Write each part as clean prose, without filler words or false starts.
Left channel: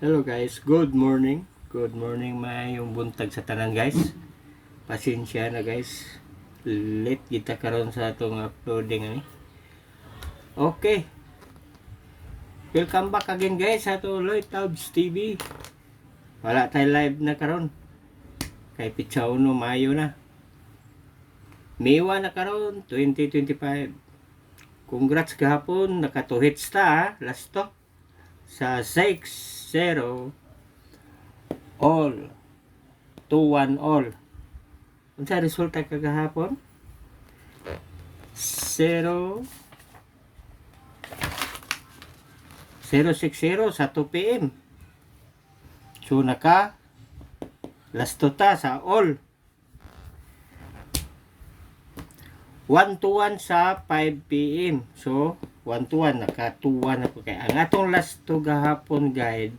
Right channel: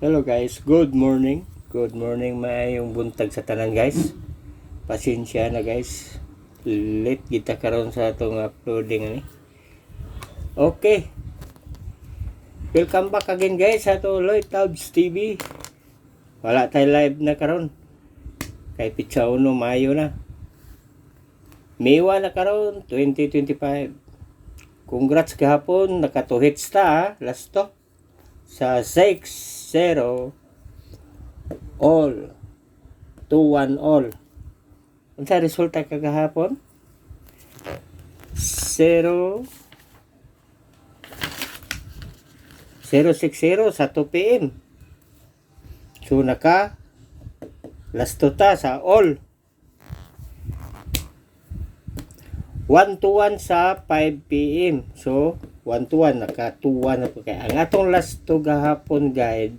Hello guys, good morning. Good morning, maayong buntag sa tanan guys. Pasensya na guys. Late kita karon sa atong uploading ani. Okay. Welcome back again guys sa ato Lloyd Tabs TV. Wala tay live na karon. Kay pitsa uno Mayo na. Mewa na karon 2025. Congrats kahapon, naka 2 hits ta last to. Sa 6-0 all 2-1 all. Unsa resulta kagahapon? 0 0-6-0 sa 2 PM. So naka last to ta sa all 1-1 sa 5 PM. So 1-1 naka 2-1 ako kay ang atong last to gahapon guide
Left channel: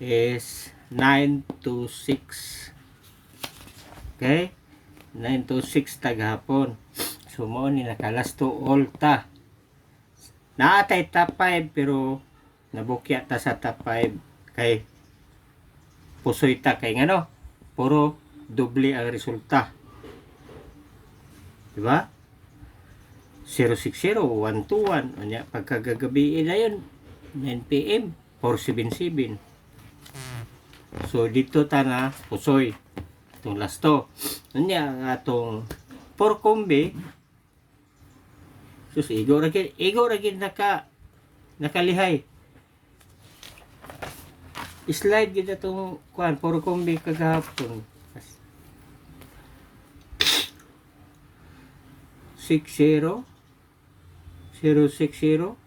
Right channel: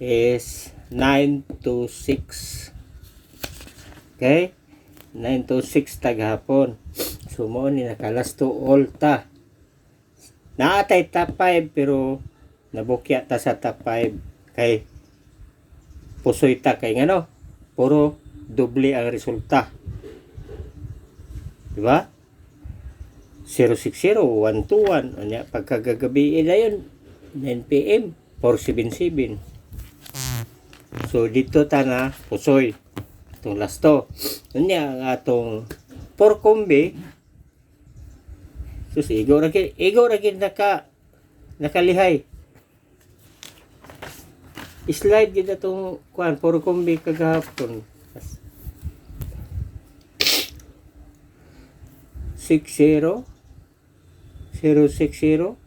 is 9-6. Okay? 9-6 ta gahapon. So mo ni naka last to all ta. Naatay top 5 pero nabukya ta sa top 5 kay pusoy ta kay ngano puro doble ang resulta. Diba? 0-6-0, 1-2-1. Anya, pagkagagabi na yun, 9 PM, 4-7-7. So, dito ta na pusoy. Itong last to. Anya, ang atong 4 kombi. Sus, igo ragin nakalihay. Slide gid atong 4 kombi kagahapon. 6-0 0-6-0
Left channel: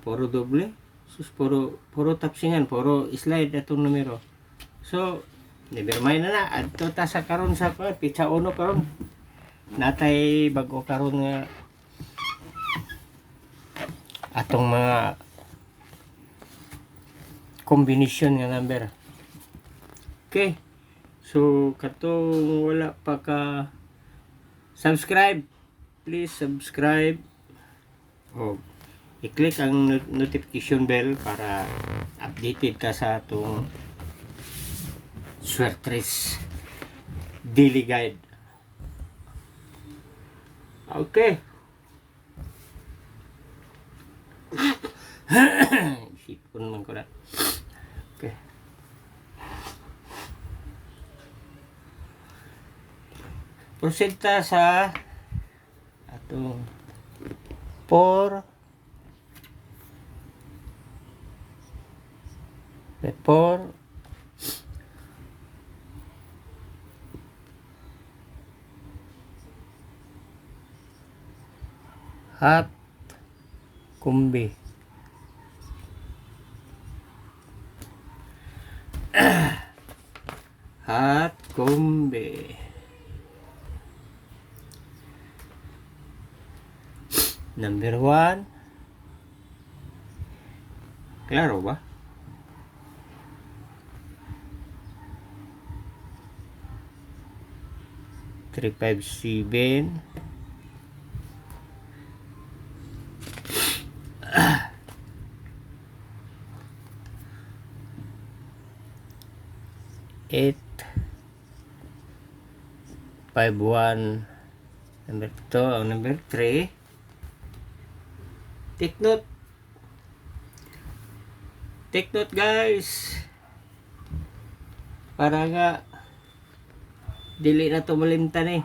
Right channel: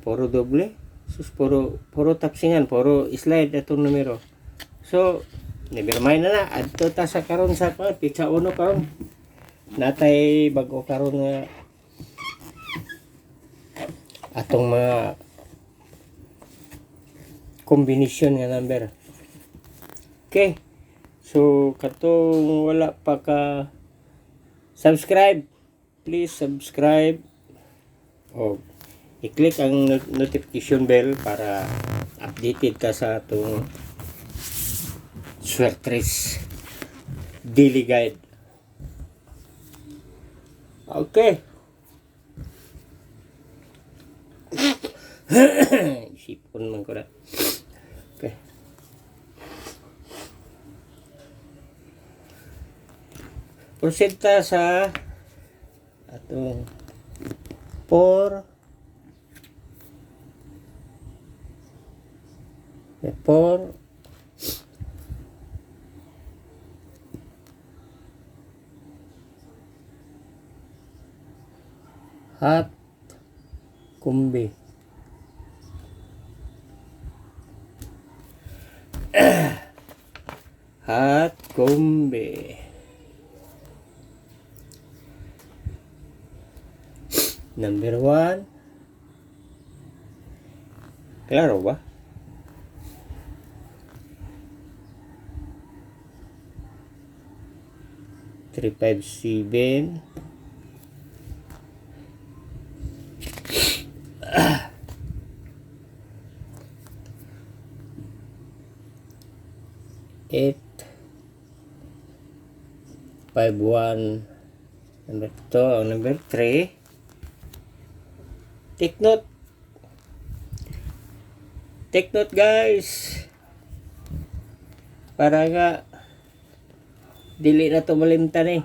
puro doble. Sus, puro tapsingan, puro slide atong numero. So never mind na adto ta sa karon sa pitsa uno karon natay bag-o karon nga atong mga combination nga number. Okay, so katong wala pa ka subscribe, please subscribe o i-click ang notification bell para updated ka sa atong Swertres daily guide. Okay. Sipon man ko na. Okay. Proceed ta sa atong 4 hat kumbi. Hat kumbi. Number 1. Klaro ba? Three, 5, 7. Eight, 5, 1. Number 2 o number 3. Take note guys para nga dili na to malimtan eh.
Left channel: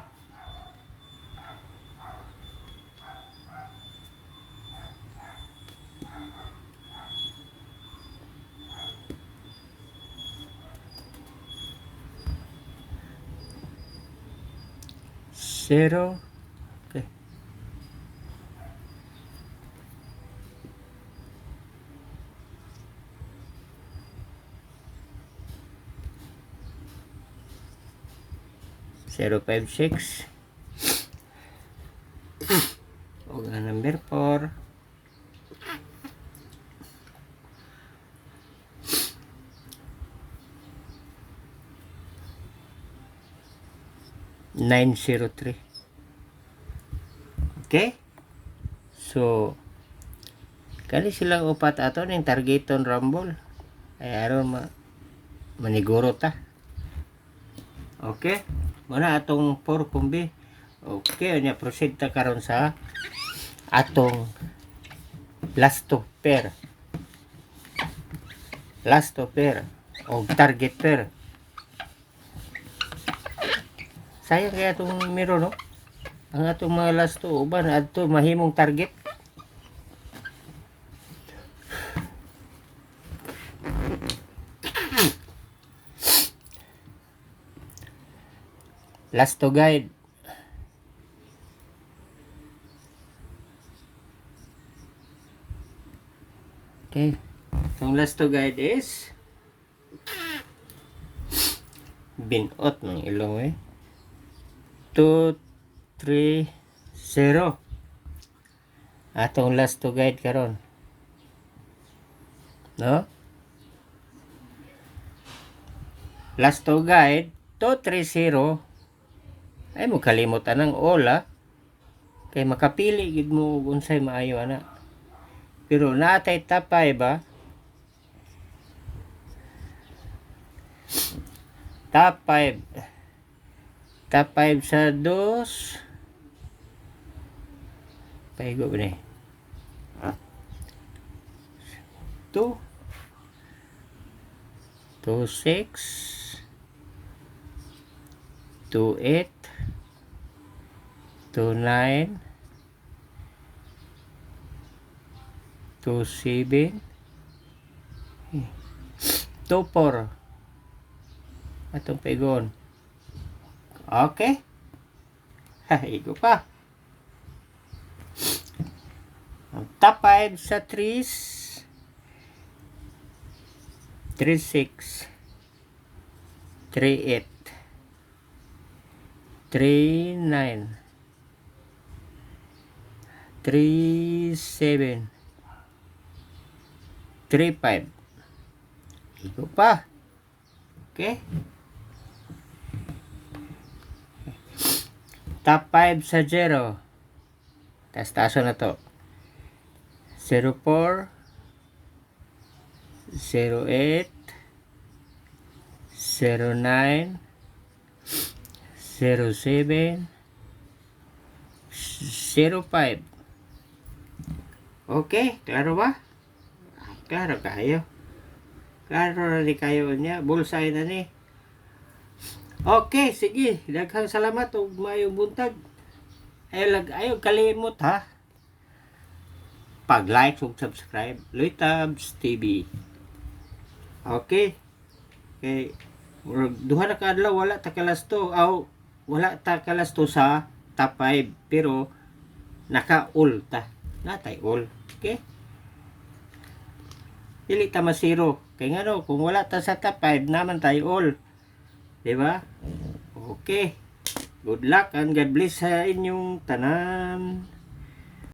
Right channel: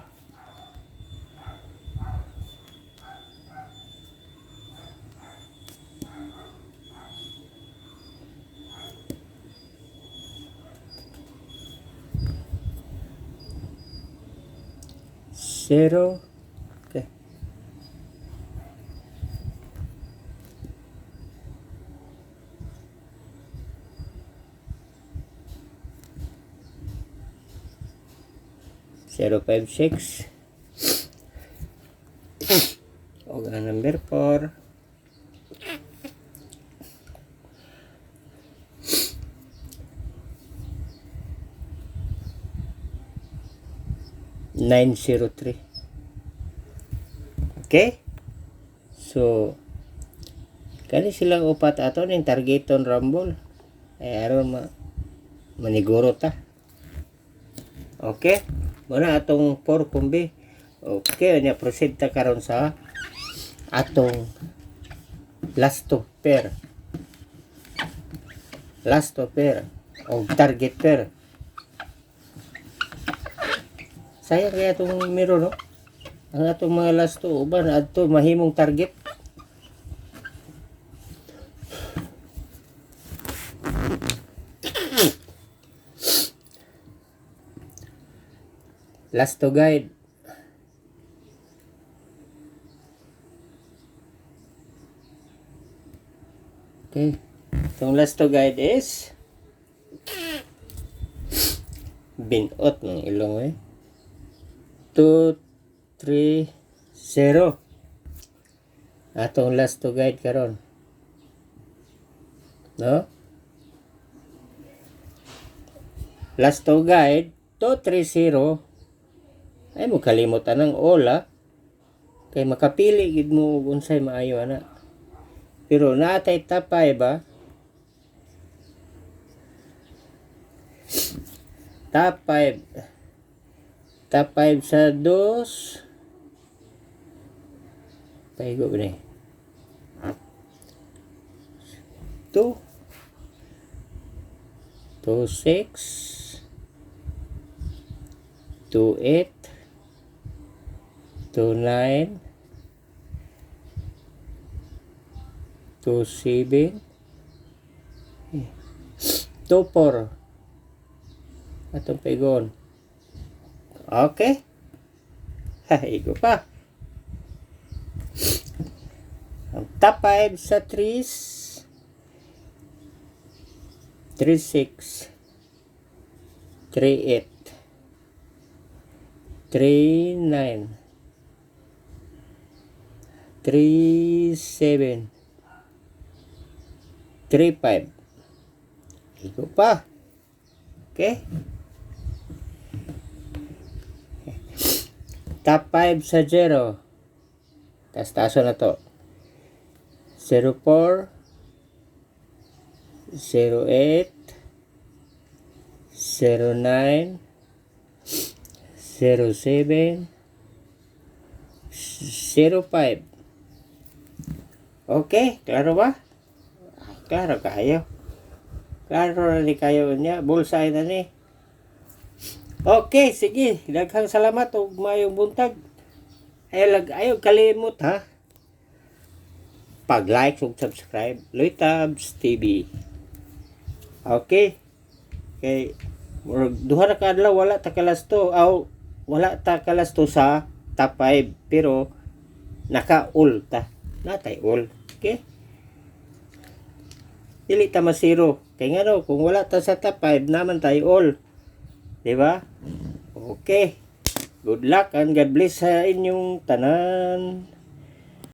Zero. Okay. Zero, 5, 6. O number 4. Nine, 0, 3. Okay? So, kani silang upat ato ning targeton rumble. aron maniguro ta. Okay, muna atong 4 kumbi. Okay, nya proceed ta karon sa atong last to pair. Last to pair o target pair. Sayang kaya itong mirror, no? Ang atong mga last to, uban adto mahimong target. Last to guide. Okay. Itong last to guide is binot ng ilong eh. 2, 3, 0. Atong last to guide karon. No? Last to guide 2, 3, 0. Ay mo kalimutan ng all, ha? Kay makapili gid mo kung unsay maayo ana. Pero natay tapay ba? Top 5. Top 5 sa 2. Paigo ba ni? 2. 2, 6. 2, 8. 2, 9. 2, 7. 2, 4. Atong paigon. Okay. Igo pa. Ang top 5 sa 3s. 3, 6. 3, 8. 3, 9. 3, 7. 3, 5. Igo pa. Okay. Top 5 sa 0. Taas-taso na to. 04. 08. 09. 07. 05. Okay, klaro ba? Klaro kayo. Klaro na ni kayo niya. Bullseye na ni. Okay, sige. Daghang salamat o mayong buntag. Ayaw kalimot, ha? Pag-like ug subscribe. Loitabs TV. Okay. Okay. Duha na kadlaw wala ta kalasto. Wala ta kalasto sa top 5. Pero naka-all ta. Natay all. Okay? Dili ta masiro. Kaya nga no, kung wala ta sa top 5, naman tayo all. Diba? Okay. Good luck and God bless sa inyong tanan.